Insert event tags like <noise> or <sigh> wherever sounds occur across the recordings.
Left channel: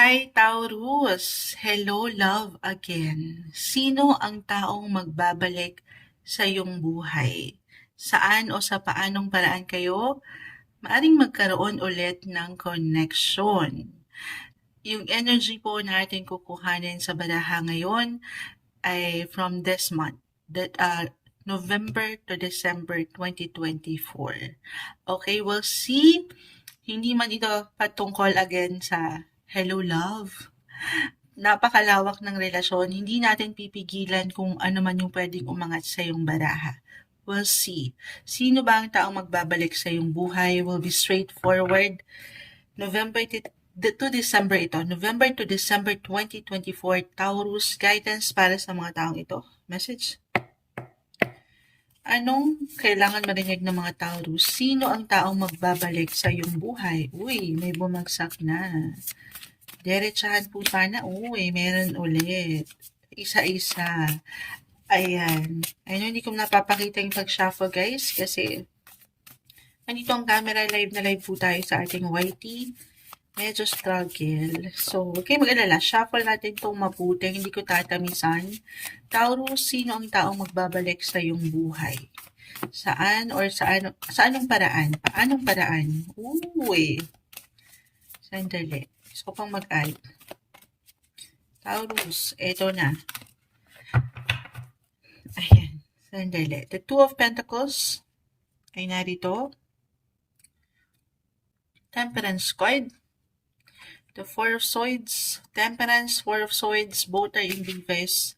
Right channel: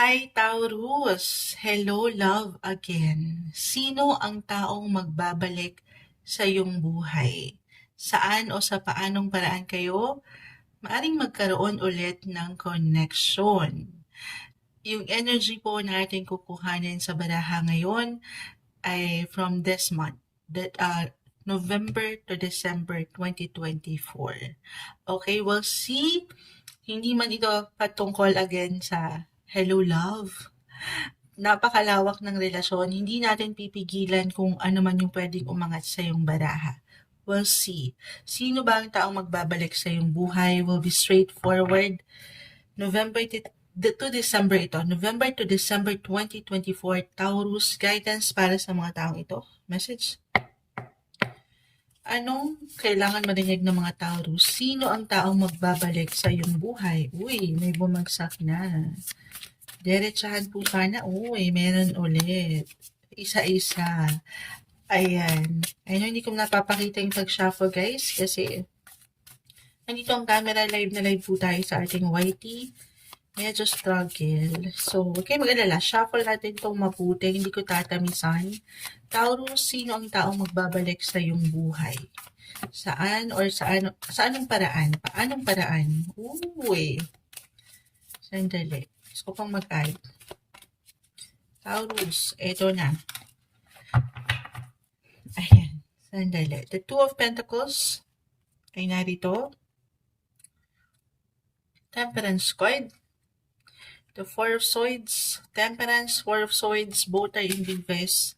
Hi, Taurus! Hello, love again. Sino ang taong magbabalik sa iyong buhay? Saan o sa paanong paraan kayo maaring magkaroon ulit ng connection? Yung energy po natin kukuhanin sa baraha ngayon ay from this month, that, uh, November to December 2024. Okay, we'll see. Hindi man ito patungkol again sa Hello Love. Napakalawak ng relasyon. Hindi natin pipigilan kung ano man yung pwedeng umangat sa iyong baraha. We'll see. Sino ba ang taong magbabalik sa iyong buhay? Will be straightforward. November to December ito. November to December 2024. Taurus guidance para sa mga taong ito. Message. Anong kailangan marinig ng mga Taurus? Sino ang taong magbabalik sa iyong buhay? Uy, may bumagsak na. Diretsahan po sana. Uy, meron ulit. Isa-isa. Ayan. Ayun, hindi ko napapakita yung pag-shuffle guys kasi nandito ang camera live na live po tayo sa ating YT. Medyo struggle. So, huwag kayong mag-alala. Shuffle natin itong mabuti. Hindi ko tatamisan. Taurus, sino ang taong magbabalik sa iyong buhay? Saan or saan, saan ang paraan? Paanong paraan? Uy. Sandali. Gusto ko pang mag-add. Taurus, eto na. Ayan. Sandali. The Two of Pentacles ay narito. Temperance card. The Four of Swords, Temperance, Four of Swords, both are in reverse.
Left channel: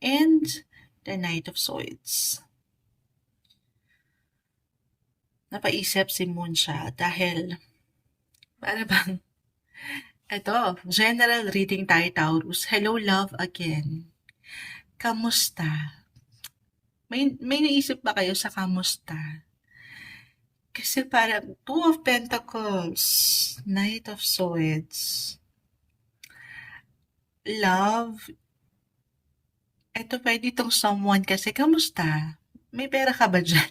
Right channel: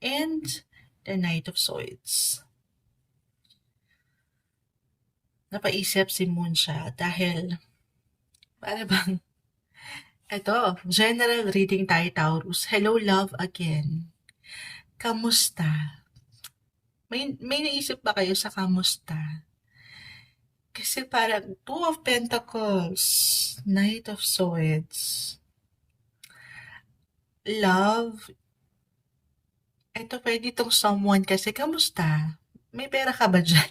And the Knight of Swords. Napaisip si Moon siya dahil para bang <laughs> ito, general reading tayo Taurus. Hello love again. Kamusta? May, may naisip ba kayo sa kamusta? Kasi parang Two of Pentacles, Knight of Swords, Love, eto pwede itong someone kasi kamusta? May pera ka ba dyan?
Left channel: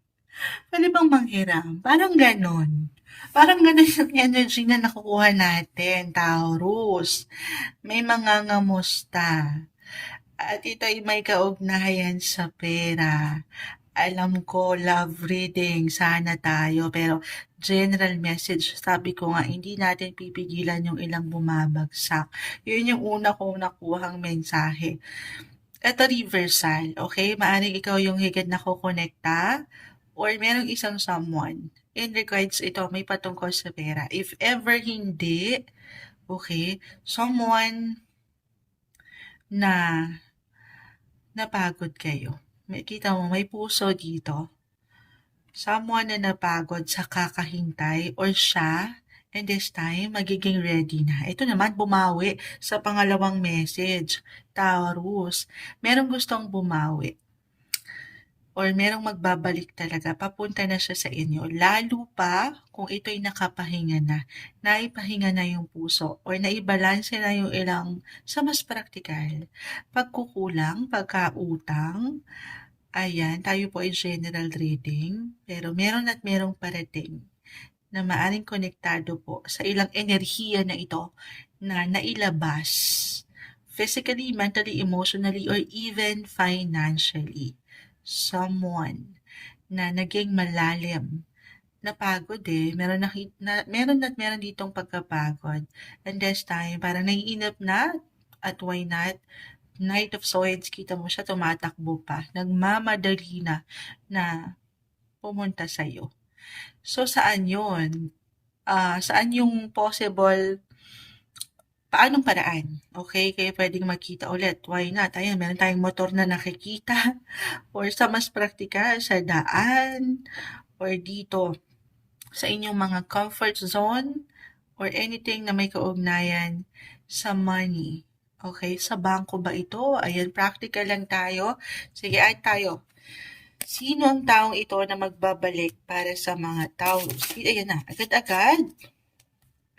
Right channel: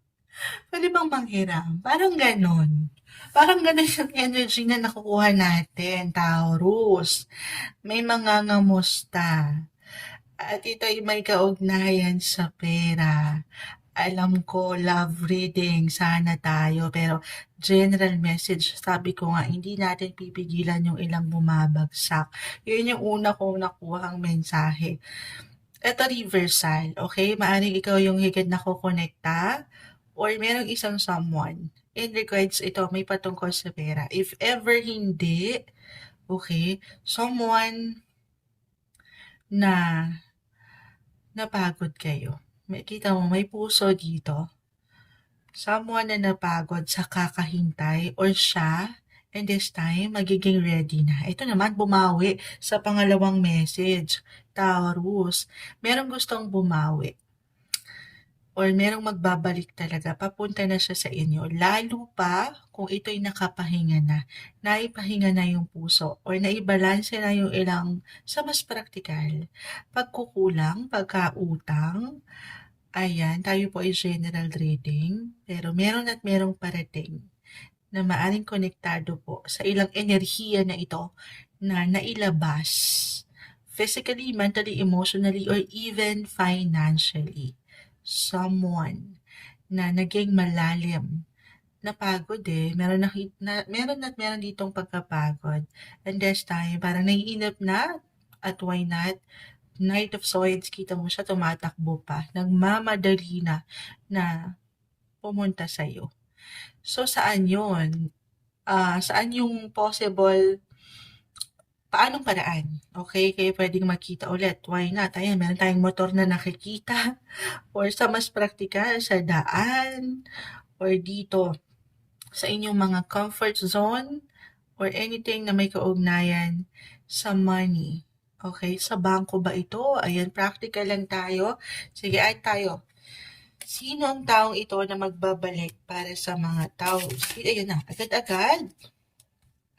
<laughs> pwede bang manghiram? Parang ganon. Parang ganon yung energy na nakukuha natin, Taurus. May mga ngamusta. At ito ay may kaugnayan sa pera alam ko, love reading, sana tayo. Pero general message, sabi ko nga, hindi natin pipigilan yung ilang bumabagsak. Yun yung una kong nakuhang mensahe. Ito reversal, okay? Maaring ikaw yung higit na kukonekta or merong isang someone. In regards ito, may patungkol sa pera. If ever hindi, okay, someone na napagod kayo may, kita mo, may puso dito. Someone na napagod sa kakahintay or siya, and this time, magiging ready na. Ito naman, bumawi sa pangalawang message. Taurus, merong gustong bumawi or merong magbabalik talaga, papunta na siya sa inyo. Lalo pa kung ito'y nakapahinga na, naipahinga na yung puso or naibalanse na yung ilang sa mas praktikal. Pagkukulang, pagkautang, ayan, tayo po ay general reading, pero meron at merong parating na maaring konektado po sa ilang enerhiya na ito na nailabas physically, mentally, emotionally, or even financially someone na naging malalim. Napagod eh. Meron, na, na, meron at meron ditong pagkapagod. And this time, parang naiinip na at why not? Knight of Swords, kita mo siya tumatakbo pa. Nagmamadali na na pumunta sa'yo. So, saan yun? Uh, saan yung possible paanong paraan? Okay, kaya pwedeng magkita ulit. Why not? Ayan, meron tayong motor na nakikita. <laughs> Or sa mas praktikal, sa daan. Or dito, sa inyong mga comfort zone. Or anything na may kaugnayan sa money. Okay, sa bangko ba ito? Ayan, practical lang tayo. Sige, ay tayo. Sino ang taong ito na magbabalik para sa mga tao? Ayan na, agad-agad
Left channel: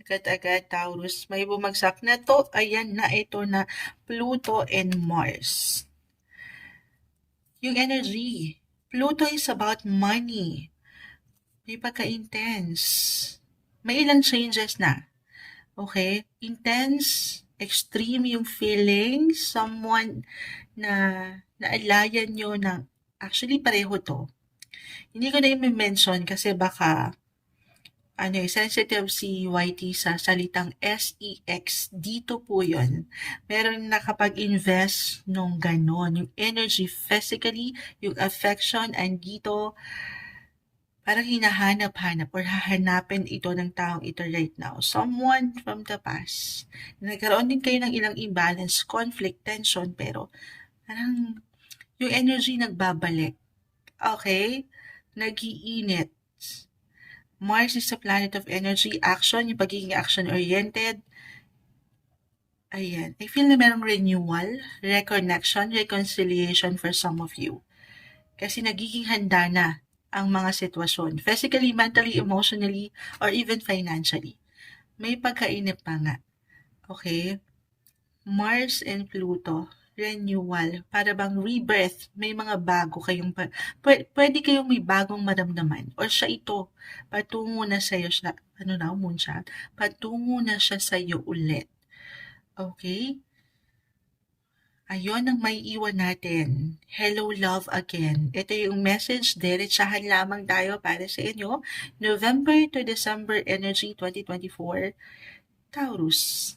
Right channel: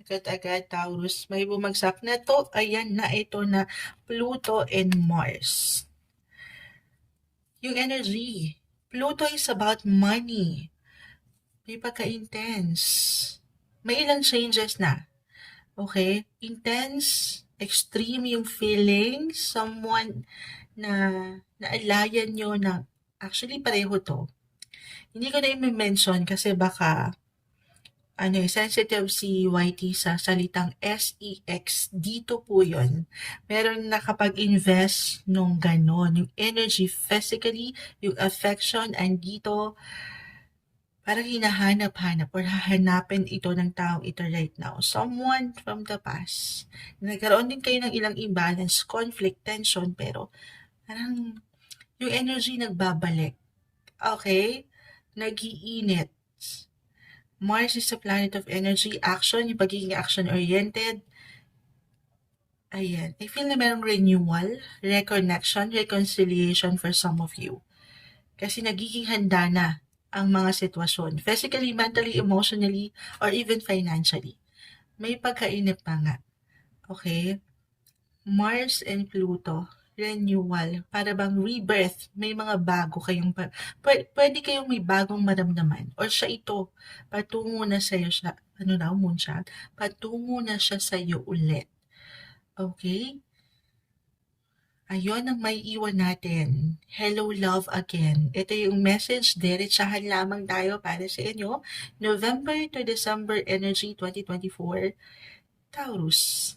agad-agad Taurus. May bumagsak na to. Ayan na ito na Pluto and Mars. Yung energy. Pluto is about money. May pagka-intense. May ilang changes na. Okay? Intense, extreme yung feeling, someone na naalayan nyo ng, actually pareho to. Hindi ko na i-mention kasi baka ano eh, sensitive si YT sa salitang SEX. Dito po yun. Meron nakapag-invest nung ganon. Yung energy physically, yung affection, and dito, parang hinahanap-hanap or hahanapin ito ng taong ito right now. Someone from the past. Nagkaroon din kayo ng ilang imbalance, conflict, tension, pero parang yung energy nagbabalik. Okay? Nagiinit. Mars is a planet of energy, action, yung pagiging action-oriented. Ayan. I feel na merong renewal, reconnection, reconciliation for some of you. Kasi nagiging handa na ang mga sitwasyon. Physically, mentally, emotionally, or even financially. May pagkainip pa nga. Okay? Mars and Pluto, renewal, para bang rebirth, may mga bago kayong, pwede, kayong may bagong maramdaman. Or siya ito, patungo na sa'yo siya, ano na, moonshot, patungo na siya sa'yo ulit. Okay? Ayun ang may iwan natin. Hello, love again. Ito yung message. Diretsahan lamang tayo para sa inyo. November to December Energy 2024. Taurus.